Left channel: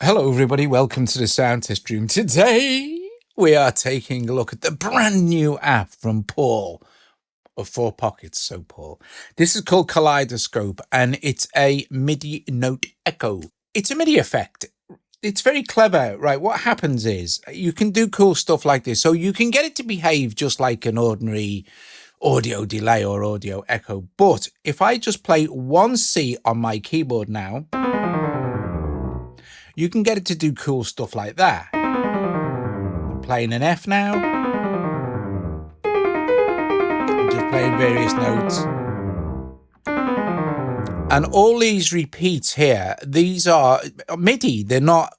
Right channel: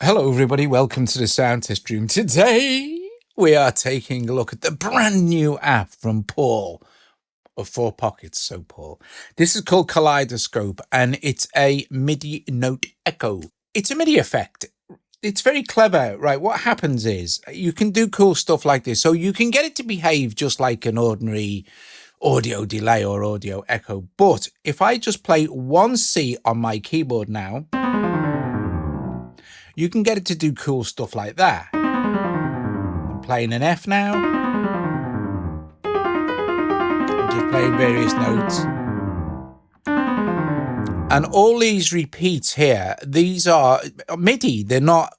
Hello everybody, welcome to the sound test room. Today we are taking a look at the brand new app from Paul of 4Pockets. So Paul, this is called Kaleidoscope and it's a MIDI note echo. It's a MIDI effect. It's very clever, right? What happens is you can do cool stuff like this. So you can get it to behave just like an ordinary audio delay or audio echo. But if I just play one C on my keyboard now, you can get it to do cool stuff like that. I'm playing an F now. I'm just playing various notes. And all these repeats here, these are MIDI. They're not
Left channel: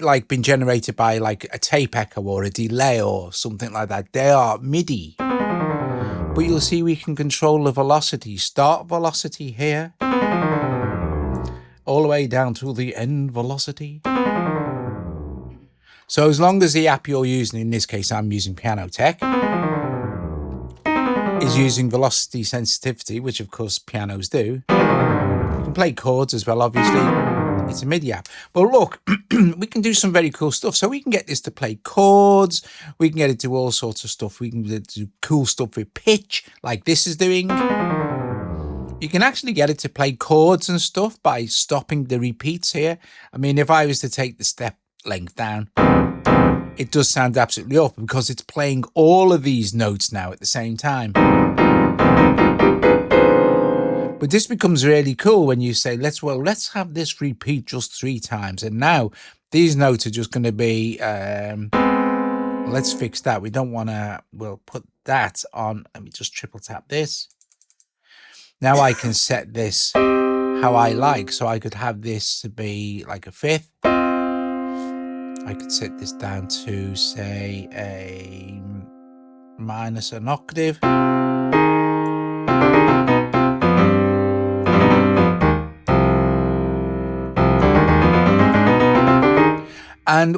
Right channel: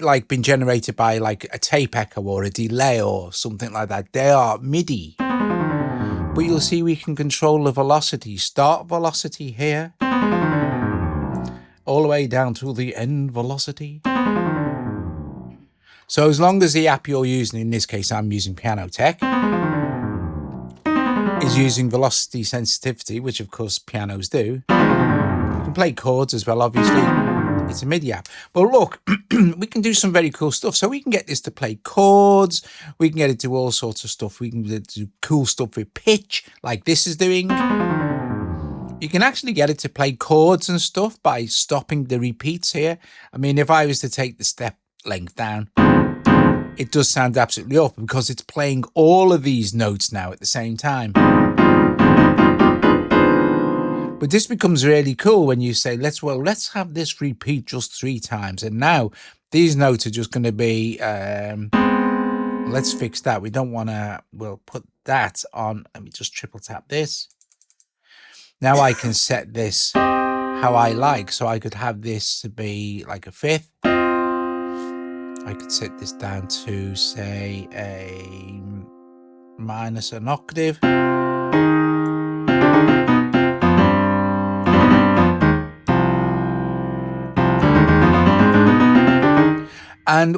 like been generated by like a tape echo or a delay or something like that. They are MIDI. But you'll see we can control the velocity. Start velocity here. All the way down to the end velocity. So as long as the app you're using, in this case I'm using Piano Tech, is using velocity sensitivity, which of course pianos do, you can play chords as well, obviously. It's a MIDI app. But look, we can do some very cool stuff. So we can get this to play chords, we can get it to do all sorts of stuff, we can get it to do cool stuff with pitch, like this is doing. You can actually get it to play chords and stuff by stopping the repeats here. I mean, if I was to take the step length down, it does sound absolutely awful because it's playing all of these notes now at the same time. But this becomes really cool when you say, let's have this repeat just 3 times. And now these notes are just going to be, let's fix that. We don't want to, we'll put that on. Let me just triple tap this. Now I can set this how I like. So I could have this to be like a 5th. I could set this down to, say, a minus an octave. And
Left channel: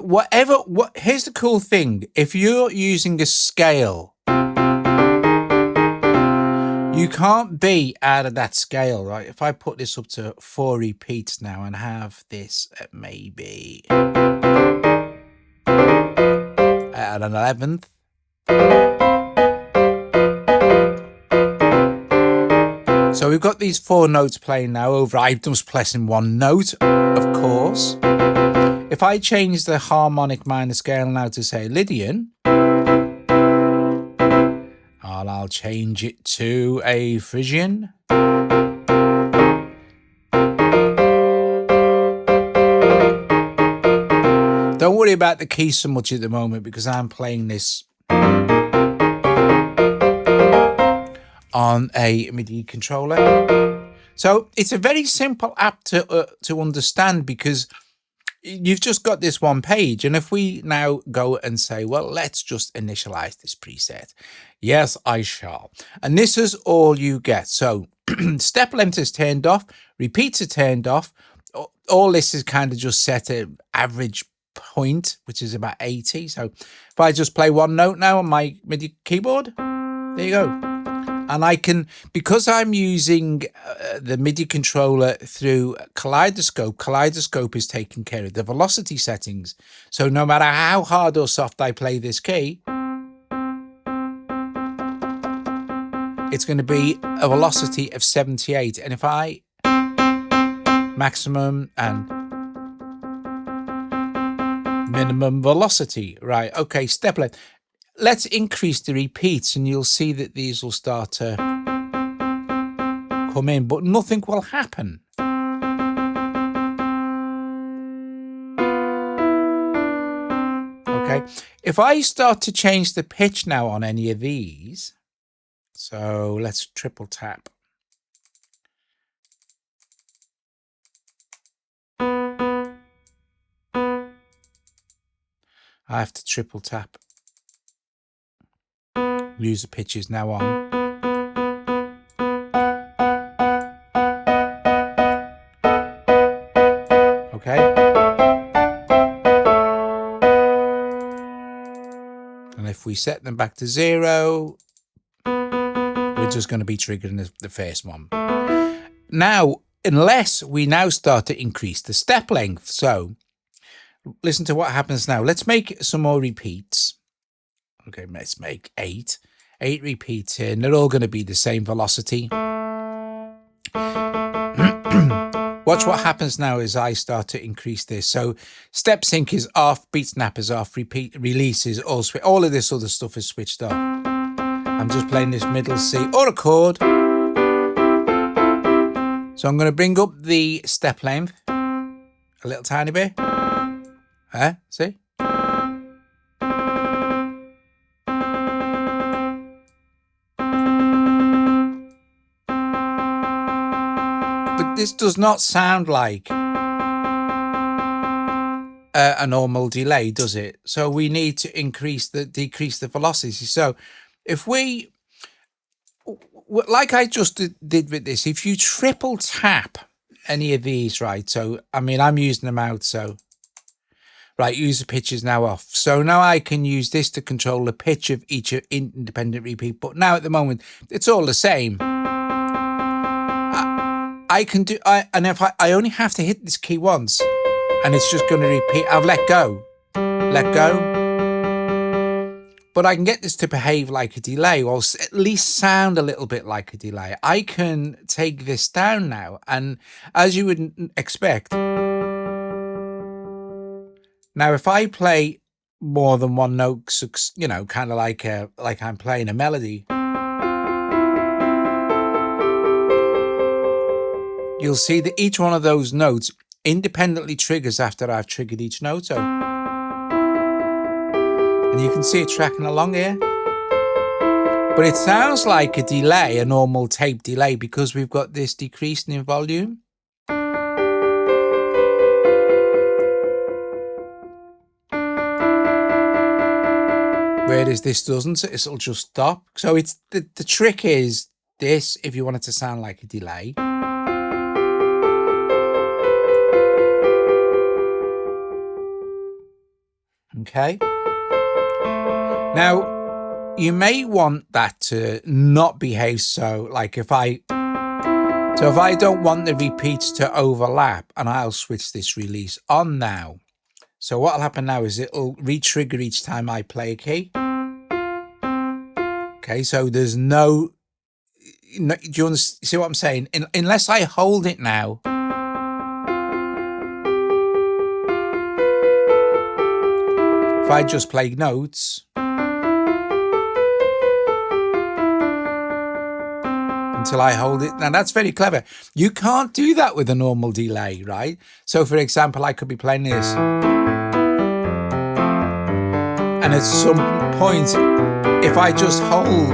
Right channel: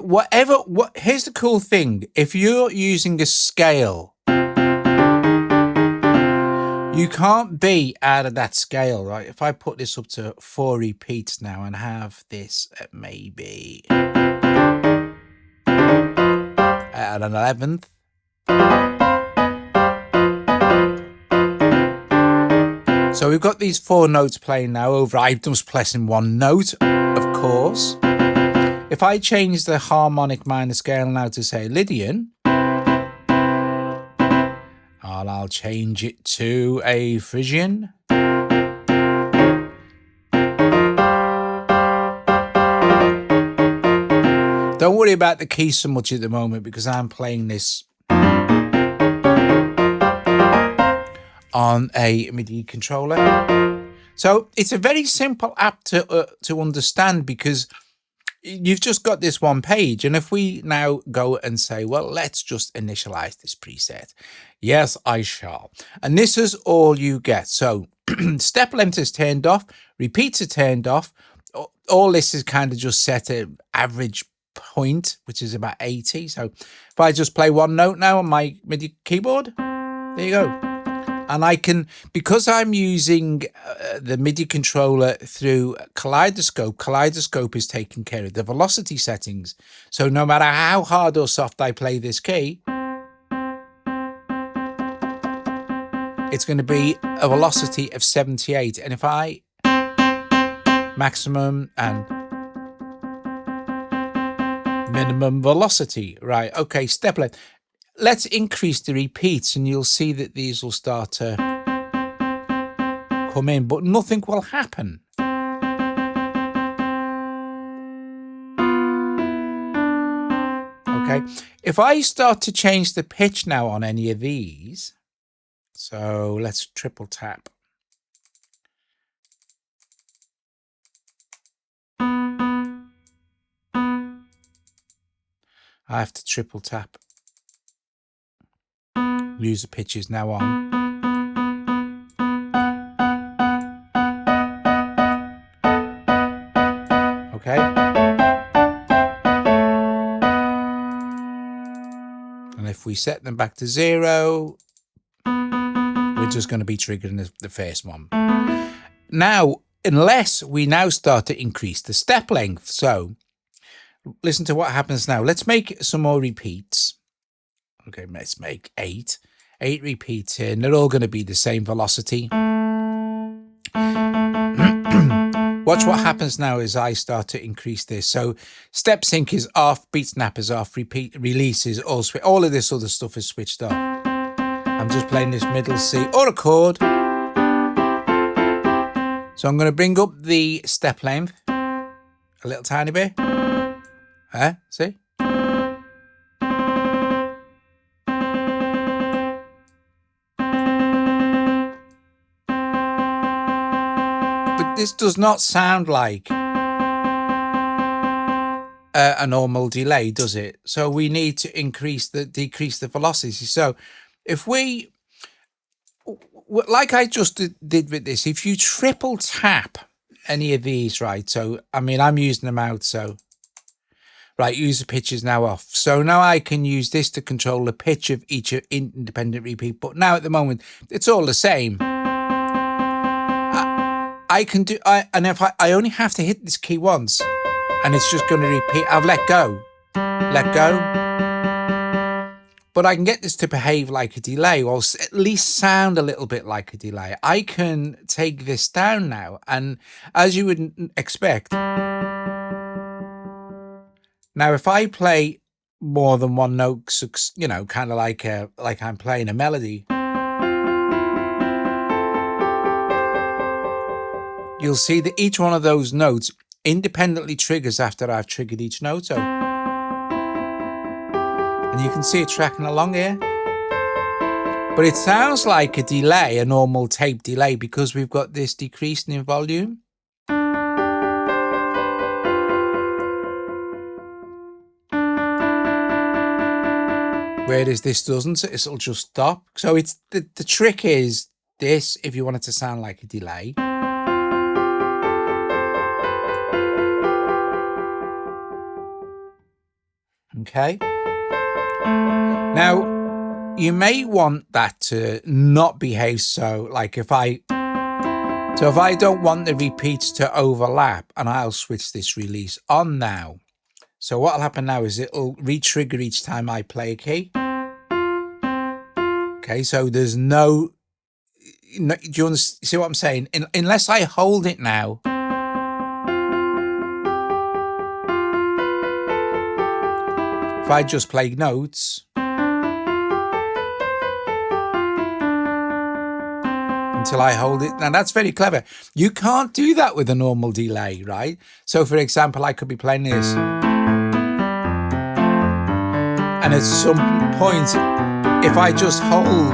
here's the cool thing. If you're using a scale, you can't be out of that scale, right? If I put this up to 4 repeats now and have this at maybe at an 11th. So we've got these 4 notes playing now over. I'm just pressing one note, of course. If I change the harmonic minor scale now to say Lydian, and I'll change it to a Phrygian. Don't worry about the keys so much at the moment because I'm playing this on a MIDI controller. So it's a very simple app to understand because you've just got this one page. And if we now go and say, well, let's just initialize this preset. Yes, I shall. And this is all you get. So step length is turned off, repeats are turned off. All this is kind of just set at average point, which is about 80. So if I just play one note now on my MIDI keyboard, there you go. And I can, because I'm using the MIDI controller through Kaleidoscope, Kaleidoscope is taking care of the velocity settings. So no matter how hard or soft I play this key, it's going to be a velocity of 78. And if I maximum and minimum velocity, right? Okay, step length. Let's increase the repeats and you'll see that these will start to come in, but nothing will happen. Okay, if I start to change the pitch now on any of these, so let's triple tap. I have to triple tap. User pitch is now on. Okay. And if we set them back to 0, we're just going to be triggering the first one. Now, unless we now start to increase the step length. So listen to what happens now. Let's make some more repeats. Okay, let's make 8 repeats here, and they're all going to be the same velocity. Watch what happens now as I start to increase this. So step sync is off, beat snap is off, repeat release is all of this other stuff is switched off. I'm just playing this middle C or a chord. So I'm going to bring up the step length a little tiny bit. See? But this does not sound like a normal delay, does it? So we need to decrease the velocity. So if we, like I just did with this, if you triple tap any of these, right? So, I mean, I'm using them out. So, right, user pitch is now off. So now I can use this to control the pitch of each independent repeat. But now at the moment, it's all the same. I can do, and if I only have to hit this key once, and it's just going to repeat. I've let go. But I can get this to behave like a delay, or at least sound a little bit like a delay. I can take this down now, and as you would expect, now if I play more than one note, you know, kind of like I'm playing a melody, you'll see that each one of those notes independently triggers after I've triggered each note. So, and you can see it tracking along here. But it sounds like a delay, a normal tape delay, because we've got this decreasing in volume. Whereas this doesn't, it'll just stop. So it's the trick is this, if you want it to sound like a delay. Okay. Now, you may want that to not behave so, like if I don't want the repeats to overlap, and I'll switch this release on now. So what'll happen now is it'll re-trigger each time I play a key. Okay, so there's do you see what I'm saying? Unless I hold it now, if I just play notes until I hold it. Now that's very clever. You can't do that with a normal delay, right? So for example, I could be playing this, and at some point, if I just hold,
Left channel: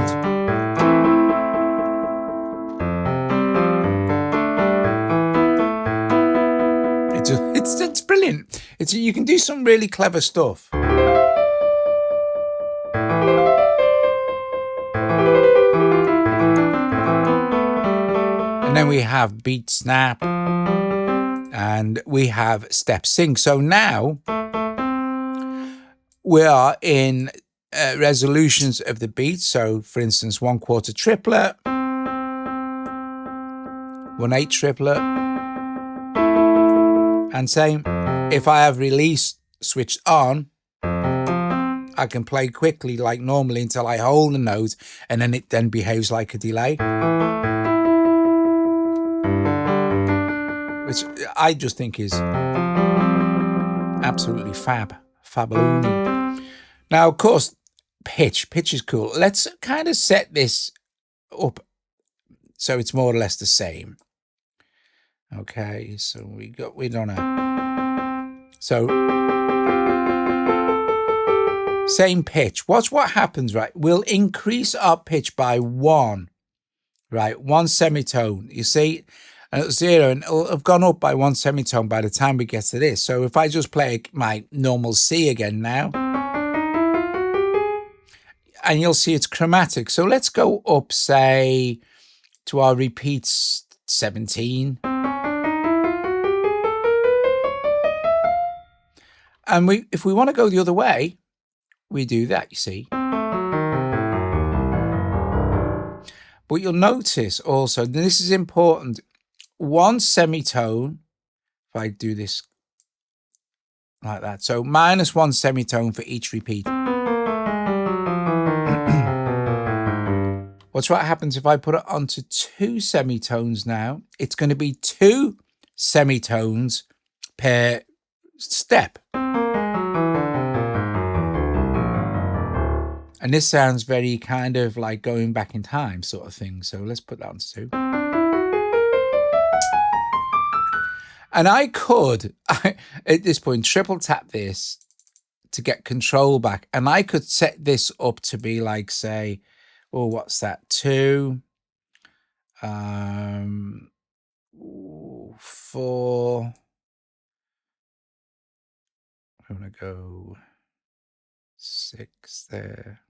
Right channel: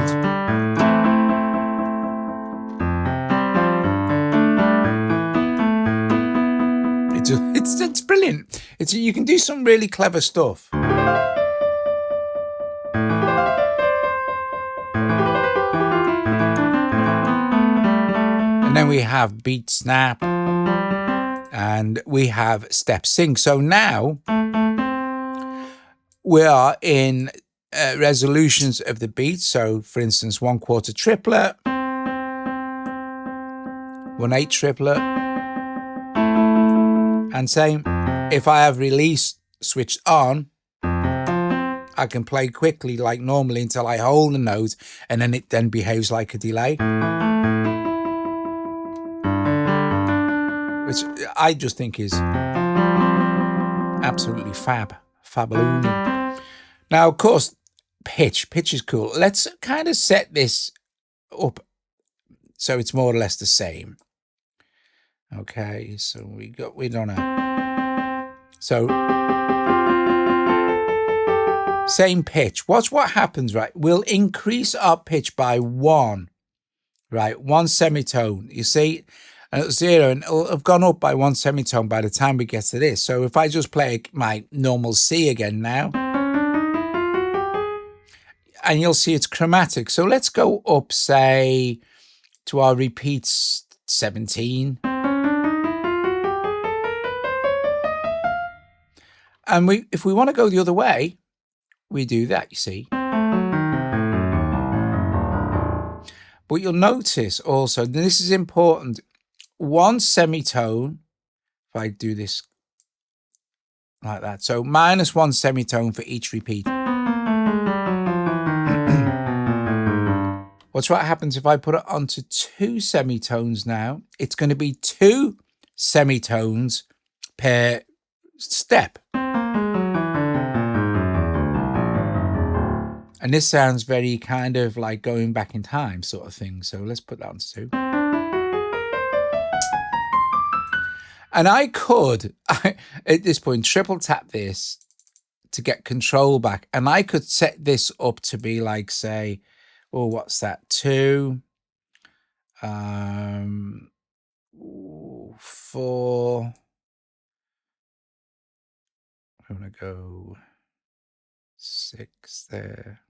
it's brilliant. You can do some really clever stuff. And then we have beat snap, and we have step sync. So now we are in resolutions of the beat. So for instance, 1/4 triplet, 1/8 triplet, and same. If I have release switched on, I can play quickly like normally until I hold the note, and then it then behaves like a delay. Which I just think is absolutely fabaloony. Now, of course, pitch is cool. Let's kind of set this up so it's more or less the same. Okay, so we don't know. So same pitch. Watch what happens, right? We'll increase our pitch by 1, right? 1 semitone. You see? And it's 0, and it'll have gone up by 1 semitone by the time we get to this. So if I just play my normal C again now, and you'll see it's chromatic. So let's go up, say, to our repeats 17. And if we want to go the other way, we do that, you see. But you'll notice also, and this is important, 1 semitone, if I do this, like that. So -1 semitone for each repeat. Watch what happens if I put it onto 2 semitones now. It's going to be 2 semitones per step. And this sounds very kind of like going back in time sort of thing. So let's put that on 2. And I could, at this point, triple tap this to get control back. And I could set this up to be like, say, oh, what's that? 2, 4. I'm going to go 6 there.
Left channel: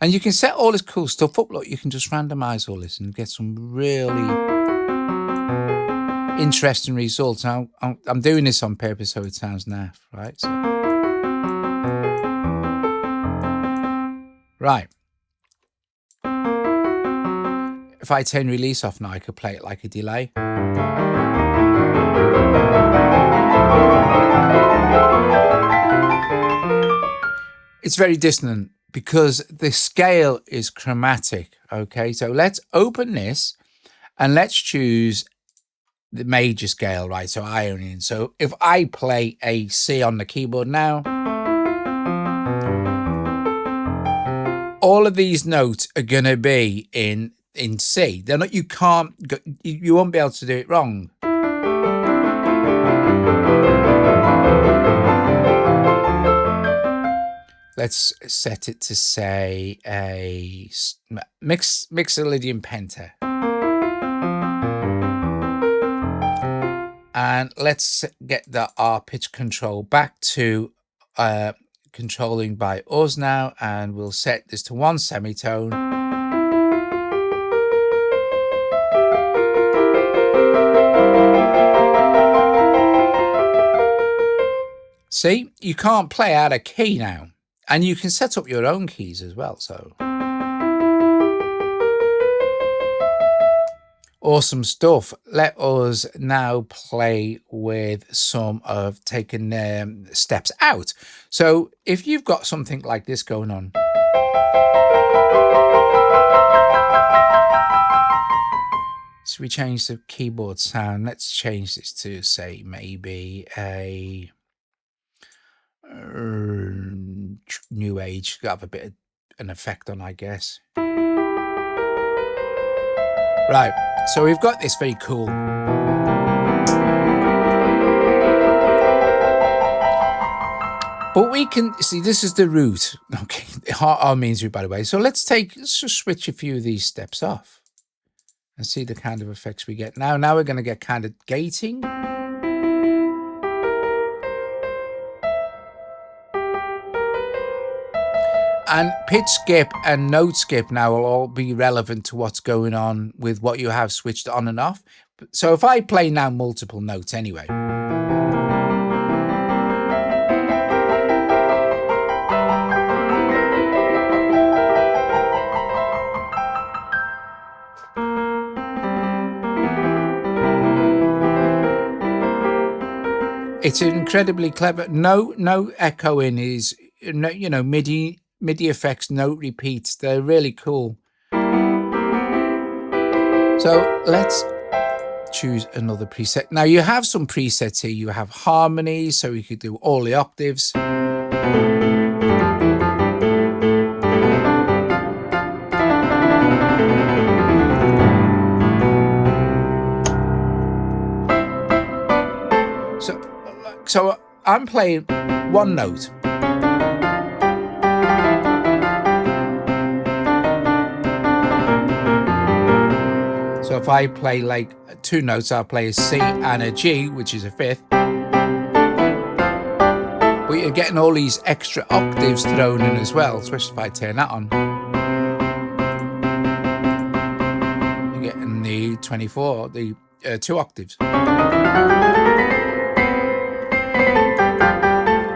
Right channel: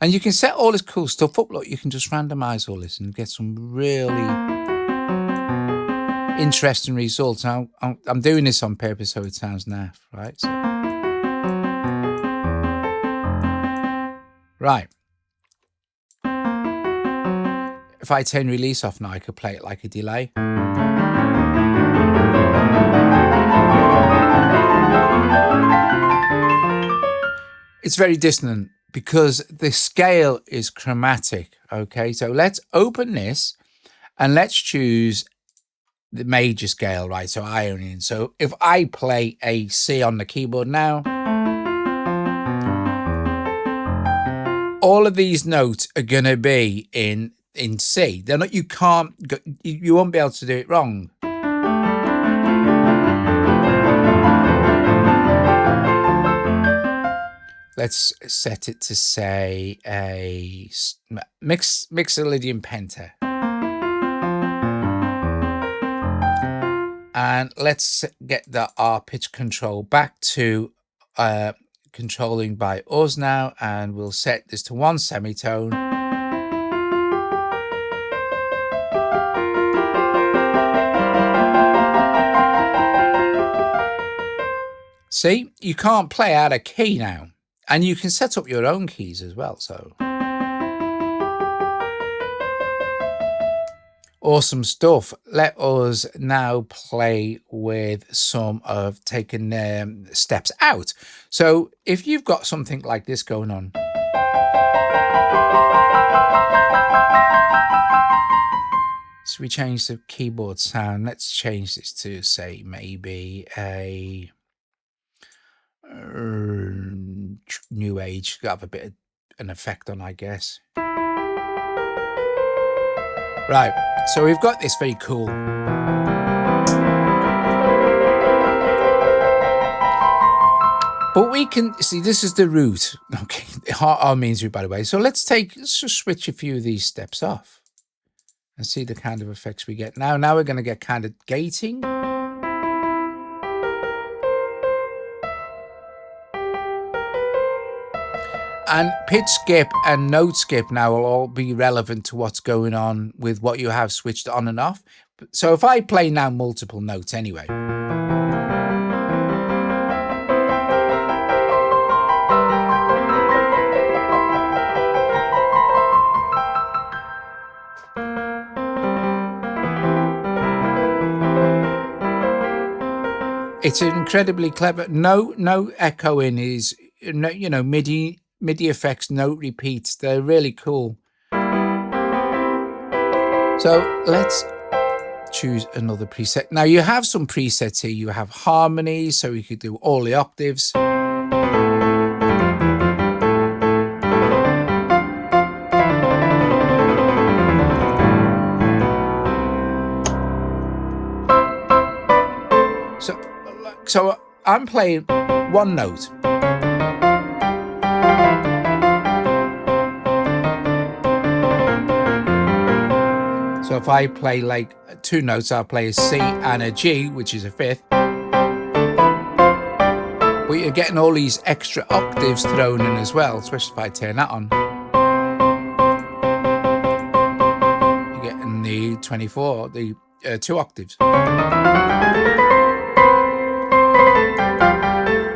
And you can set all this cool stuff up. Look, you can just randomize all this and get some really interesting results. Now, I'm doing this on purpose so it sounds naff, right? So, right. If I turn release off now, I could play it like a delay. It's very dissonant because the scale is chromatic. Okay, so let's open this and let's choose the major scale, right? So Ionian. So if I play a C on the keyboard now, all of these notes are going to be in C. They're not, you won't be able to do it wrong. Let's set it to say a Mixolydian penta. And let's get the R pitch control back to controlling by us now. And we'll set this to 1 semitone. See, you can't play out of key now. And you can set up your own keys as well, so. Awesome stuff. Let us now play with some of taking steps out. So if you've got something like this going on. So we change the keyboard sound. Let's change this to, say, maybe a new age. Got to have a bit of an effect on, I guess. Right, so we've got this very cool. But we can see this is the root. Okay, harmonies root, by the way. So let's just switch a few of these steps off and see the kind of effects we get. Now we're going to get kind of gating. And pitch skip and note skip now will all be relevant to what's going on with what you have switched on and off. So if I play now multiple notes anyway. It's incredibly clever. No echoing is, you know, MIDI effects, note repeats. They're really cool. So let's choose another preset. Now you have some presets here. You have harmonies, so you could do all the octaves. So I'm playing one note. So if I play like 2 notes, I'll play a C and a G, which is a 5th. But you're getting all these extra octaves thrown in as well, especially if I turn that on. You're getting the 24, the 2 octaves.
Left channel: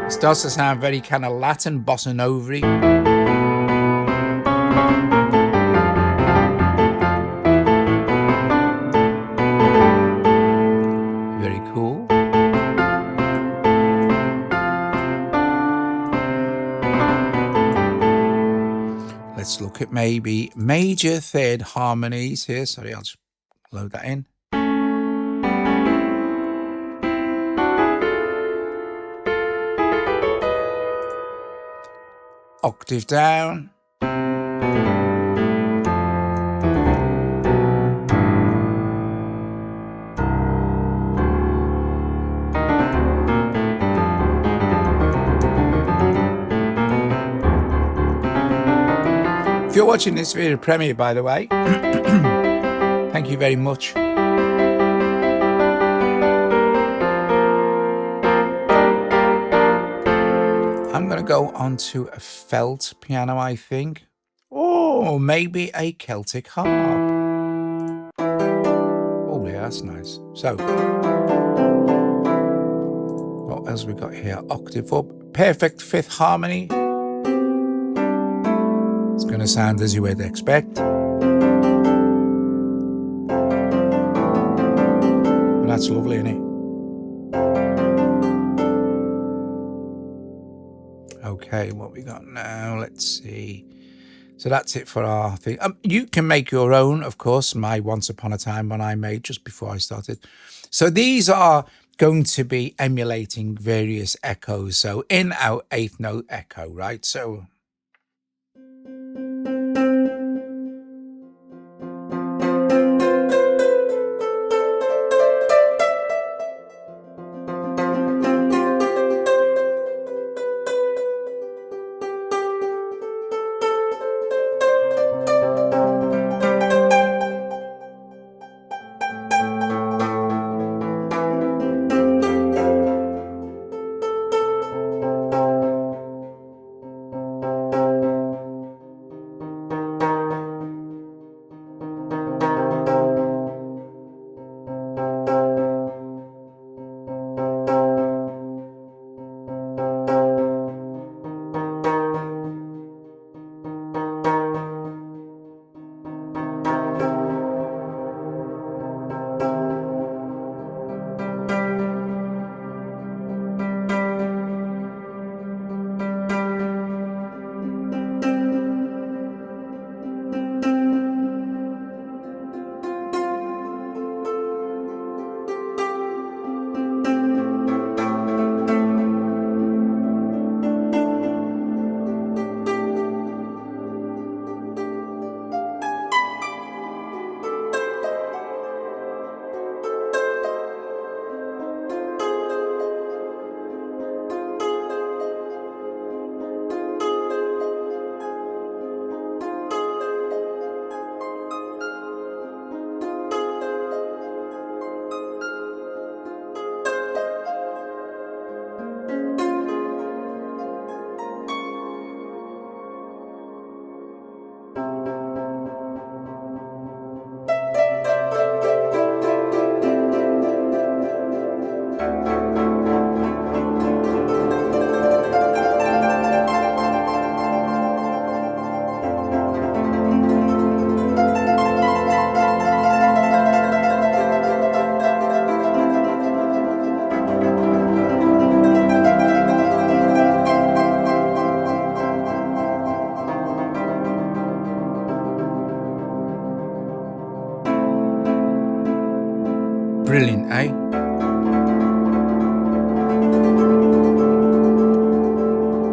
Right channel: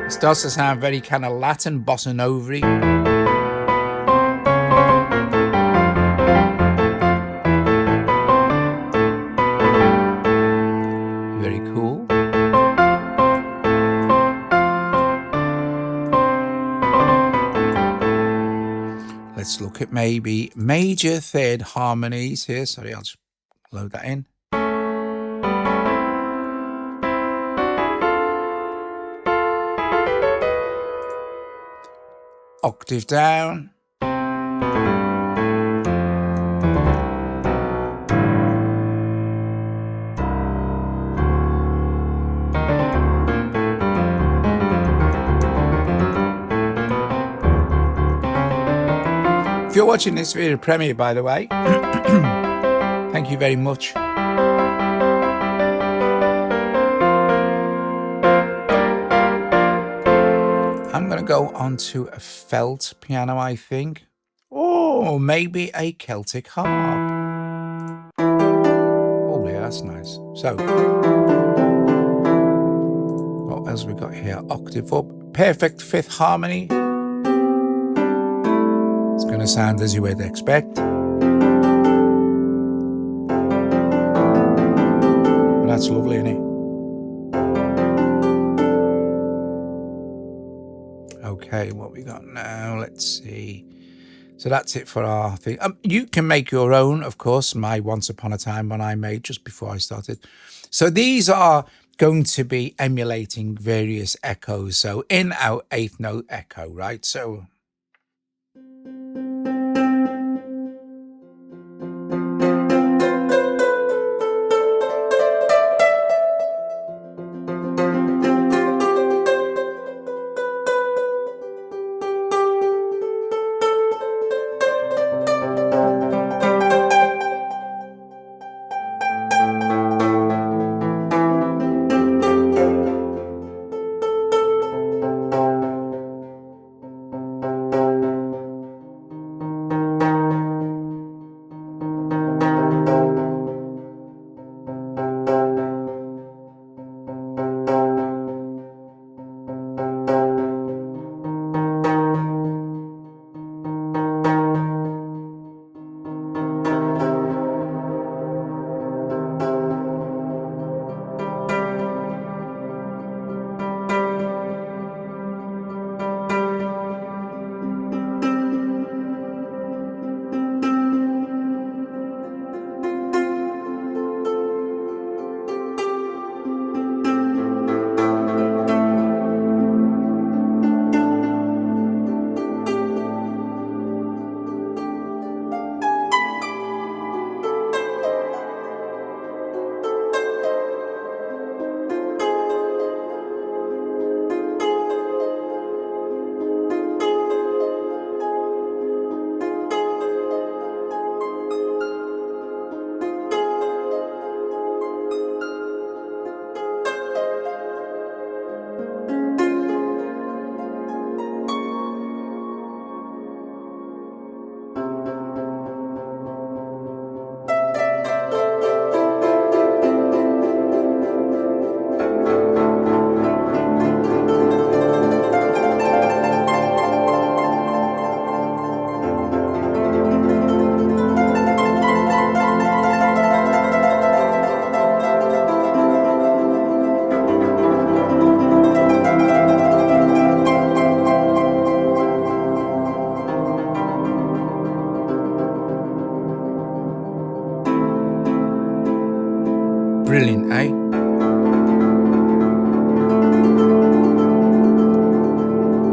It starts to sound very kind of Latin bossa nova-y. Let's look at maybe major third harmonies here. Sorry, I'll just load that in. Octave down. If you're watching this video premiere, by the way, thank you very much. I'm going to go on to a felt piano, I think. Or maybe a Celtic harp. Oh, yeah, that's nice. So, what else we got here? Octave up. Perfect fifth harmony. It's going to sound as you would expect. But that's lovely, isn't it? Okay, what we got now? Let's see. So that's it for our thing. You can make your own, of course. My Once Upon a Time one I made just before I started. So these are going to be emulating various echoes. So in, out, eighth note echo, right? So brilliant, eh?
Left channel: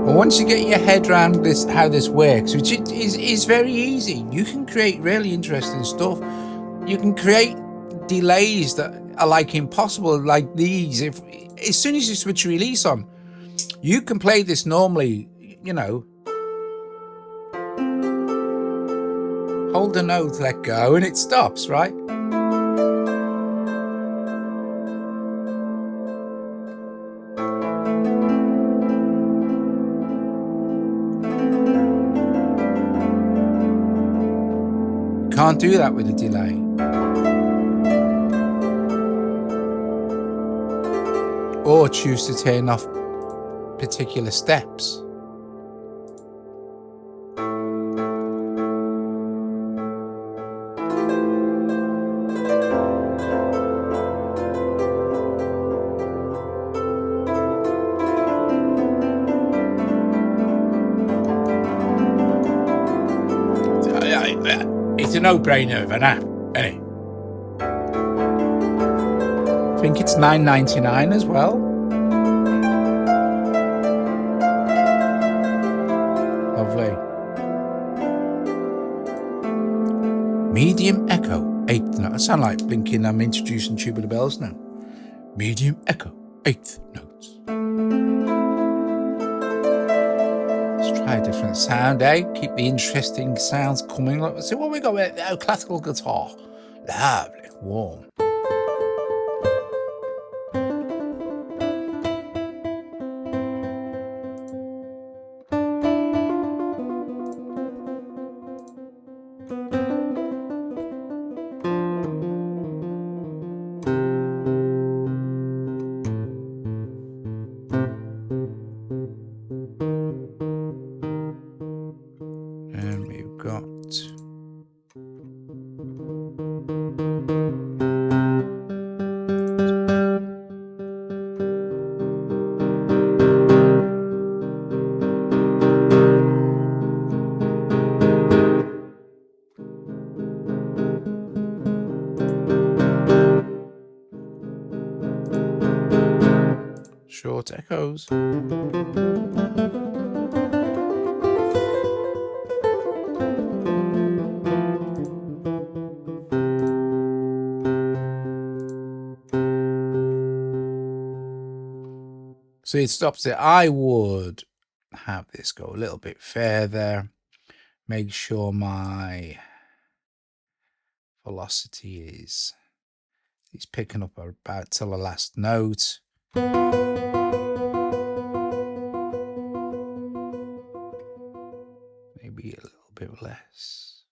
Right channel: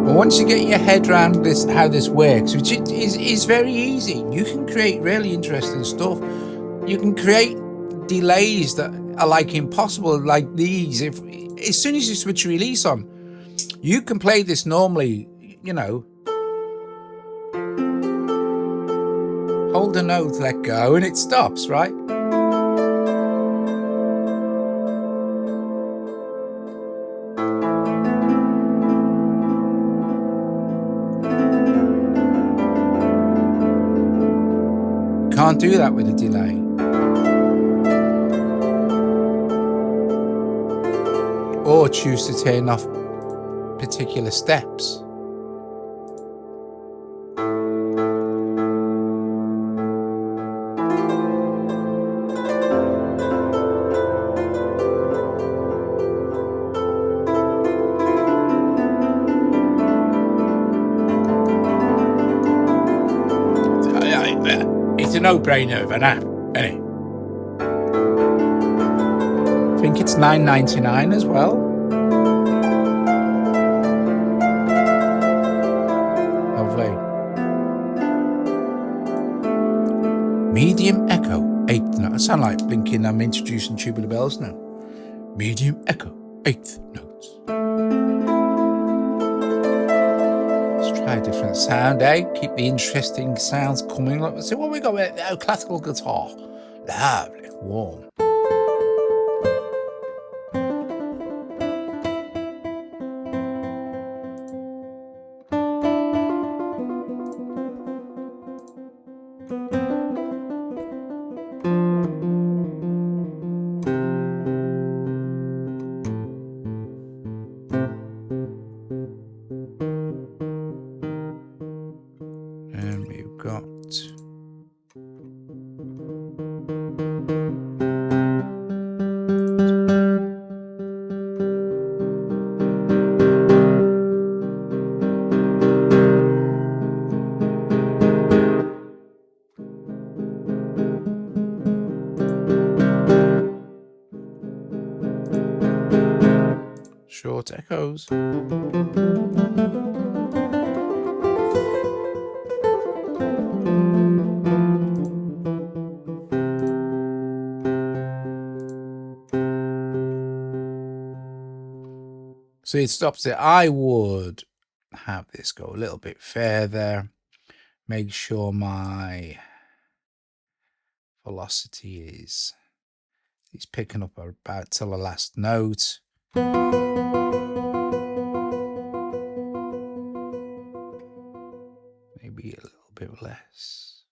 Well, once you get your head around this, how this works, which is very easy, you can create really interesting stuff. You can create delays that are like impossible, like these. If as soon as you switch release on, you can play this normally, you know. Hold a note, let go, and it stops, right? Can't do that with a delay. Or choose to turn off particular steps. It's a no-brainer of an app, isn't it? I think it's $9.99 as well. Lovely. Medium Echo, 8th note. I sound like thinking I'm introducing Tubular Bells now. Medium Echo, 8th notes. Let's try a different sound, eh? Keep the interesting sounds coming. Let's see what we got with classical guitar. Lovely, warm. And we've got short echoes. So it stops it. I would have this go a little bit further. Make sure my velocity is picking up about till the last note. Maybe a little bit less.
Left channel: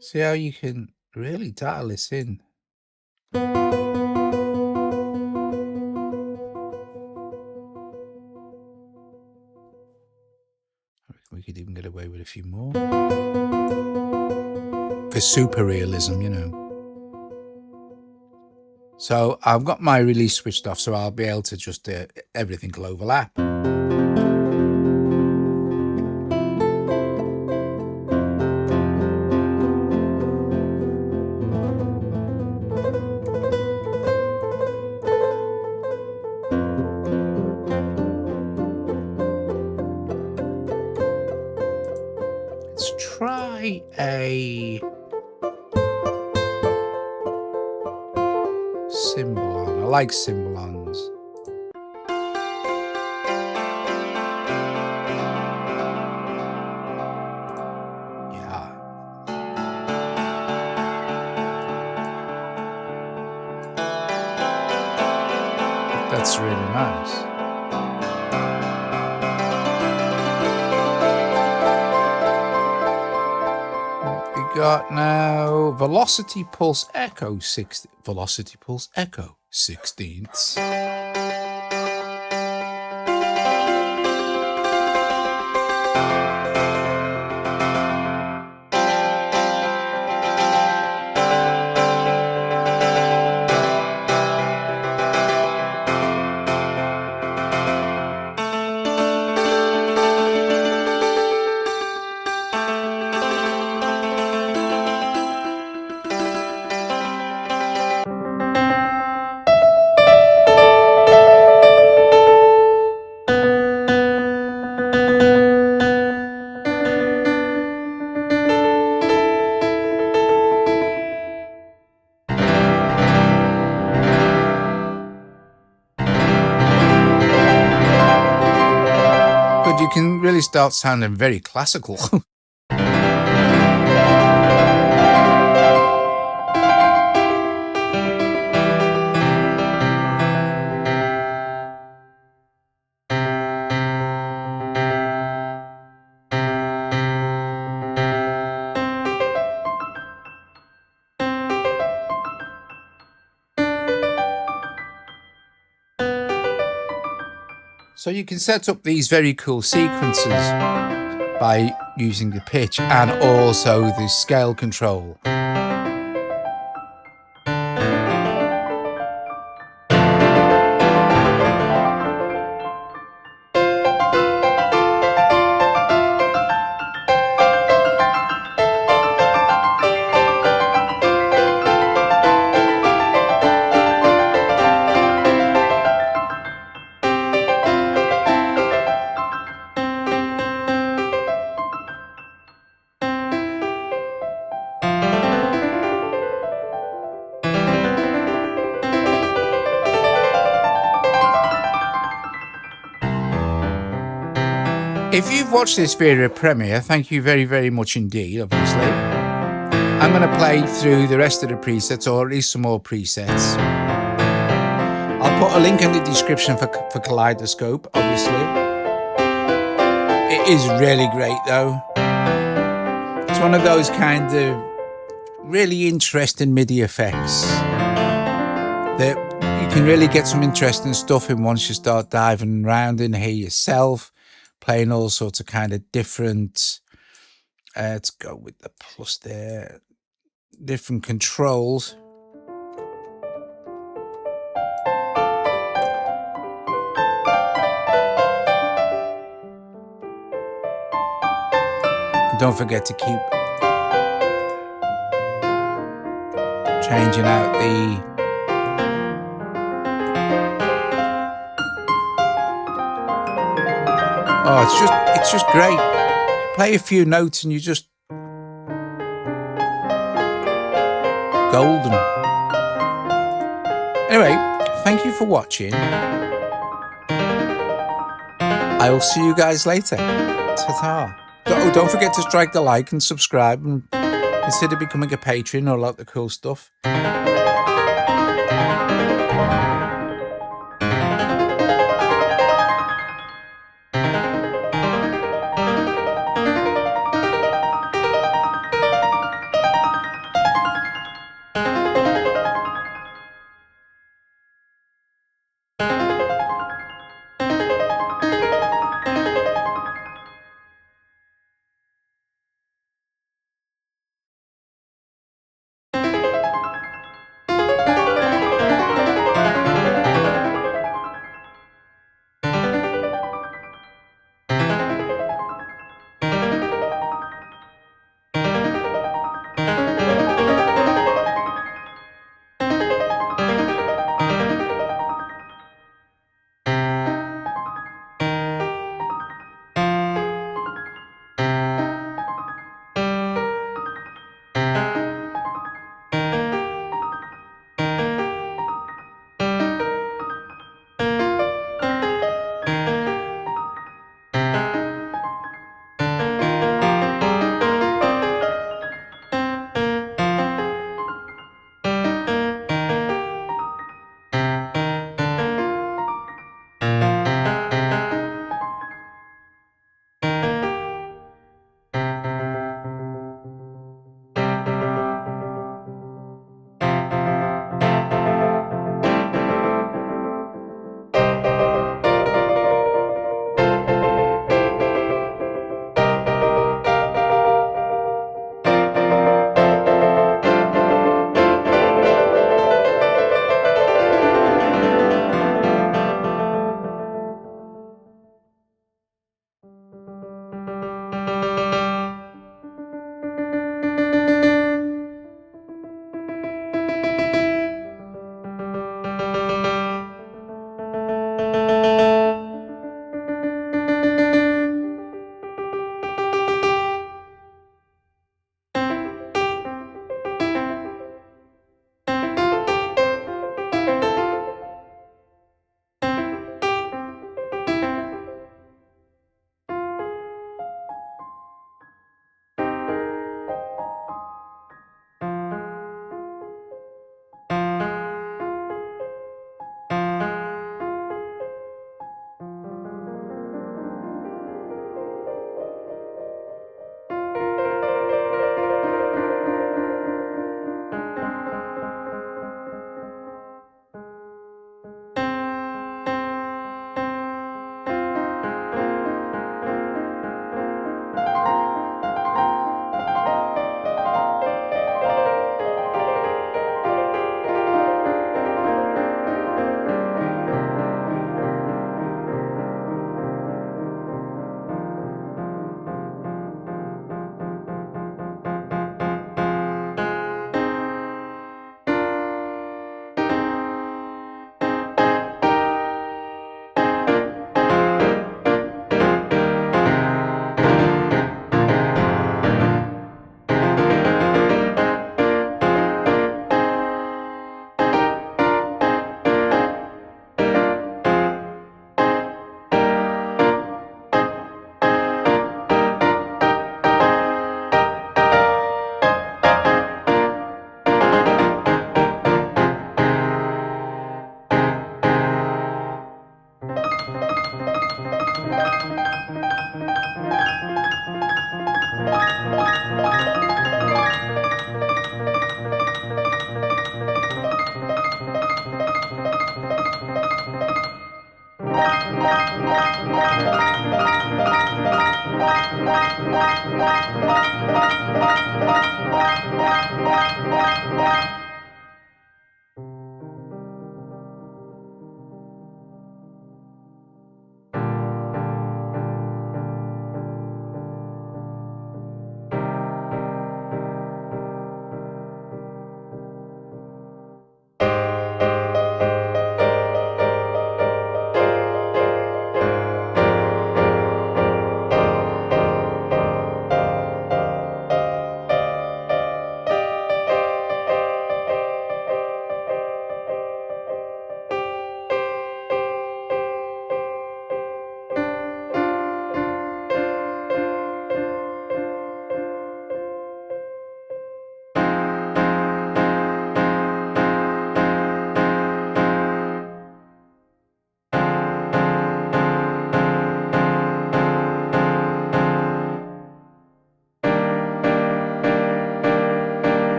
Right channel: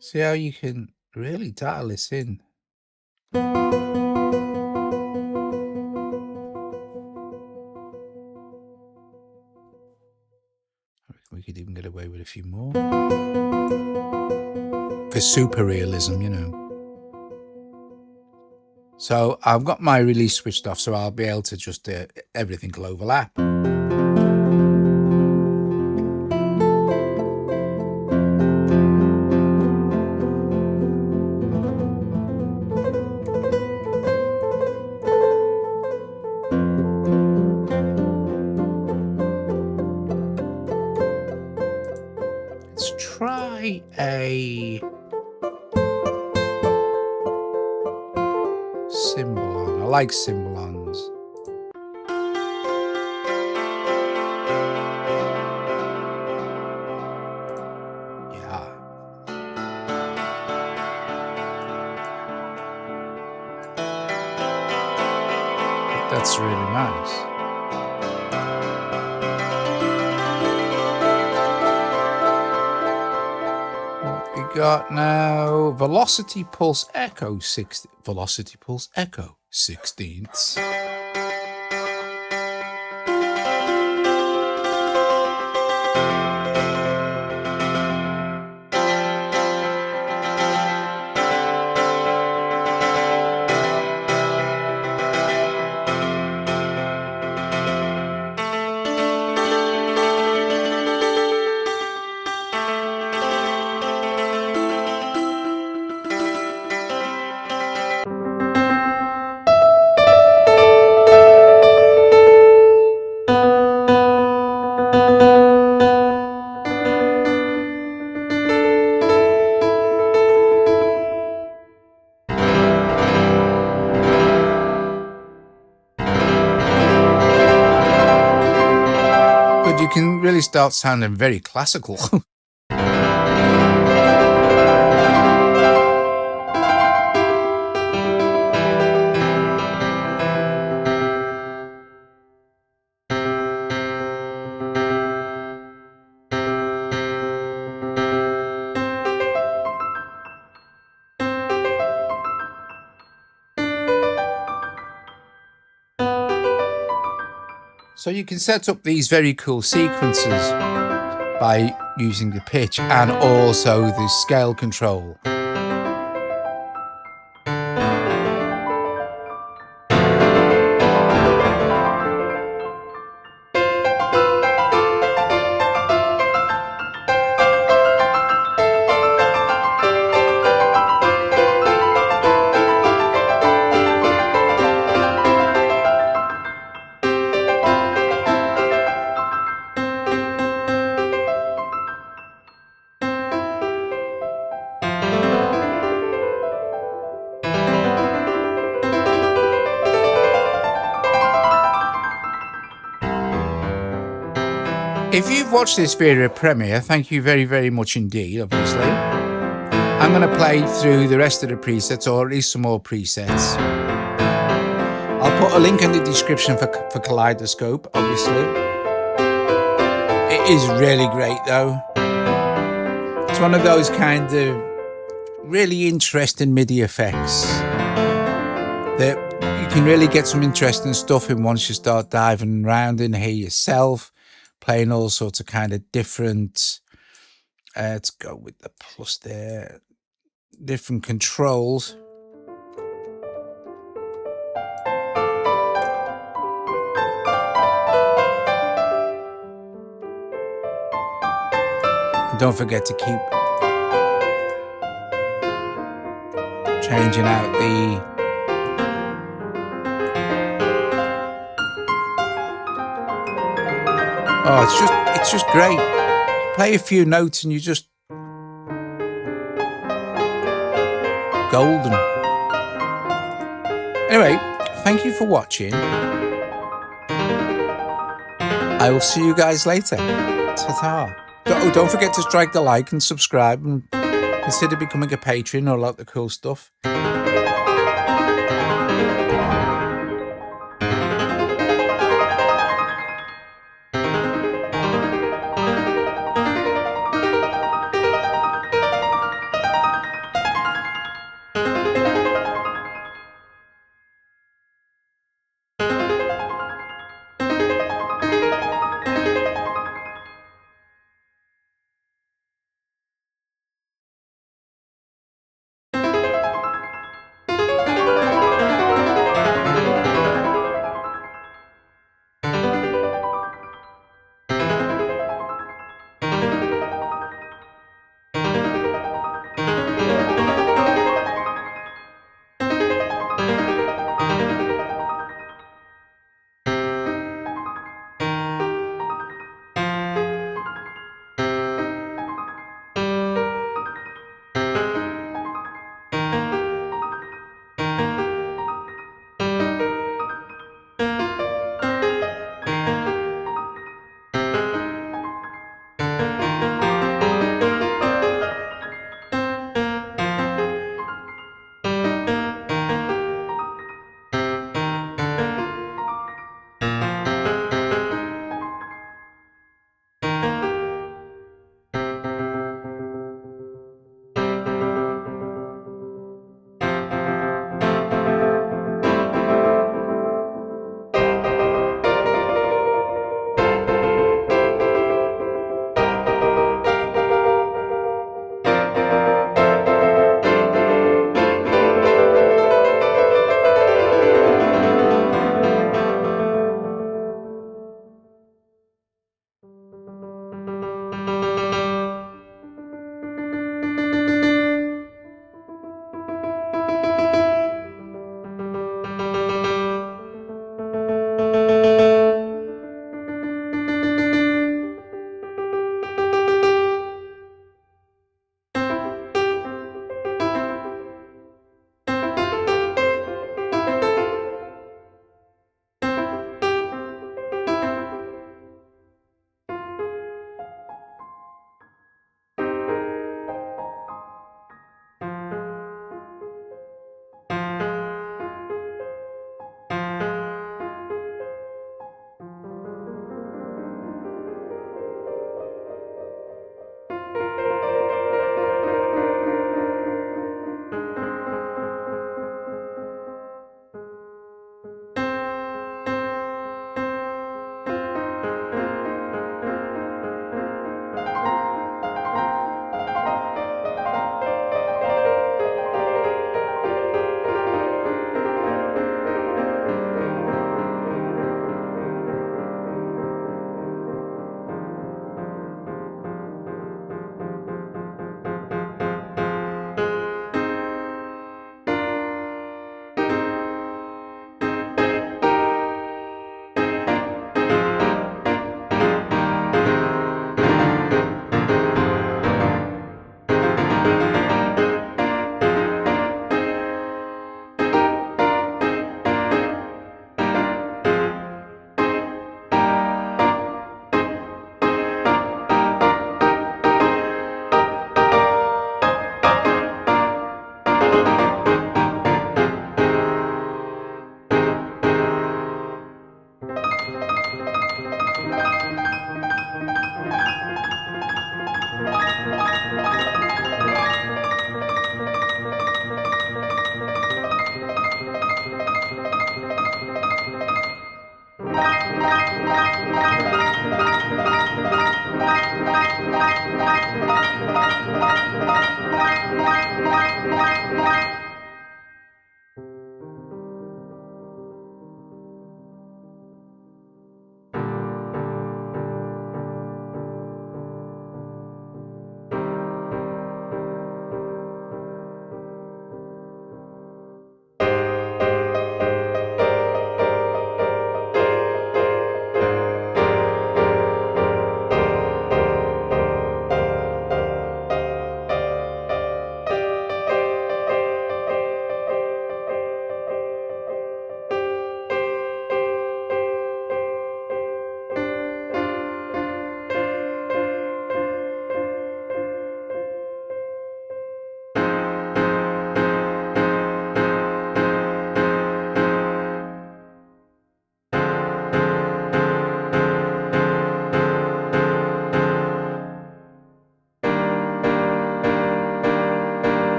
See how you can really dial this in. I reckon we could even get away with a few more. For super realism, you know. So I've got my release switched off, so I'll be able to just everything will overlap. Let's try a Cymbalon. I like Cymbalons. Yeah. That's really nice. Got now velocity pulse echo 16ths. But you can really start sounding very classical. So you can set up these very cool sequences by using the pitch and also the scale control. If you've watched this video premiere, thank you very, very much indeed, obviously. I'm going to play through the rest of the presets, or at least some more presets. I'll put a link in the description for Kaleidoscope, obviously. It is really great, though. It's one of those kind of really interesting MIDI effects that you can really get some interesting stuff in once you start diving around in here yourself, playing all sorts of kind of different, let's go with the plus there, different controls. And don't forget to keep changing out the it's just great. You play a few notes and you just golden. Anyway, thank you for watching. I will see you guys later. Ta-ta. Don't forget to strike the like and subscribe and consider becoming a patron or a lot of cool stuff.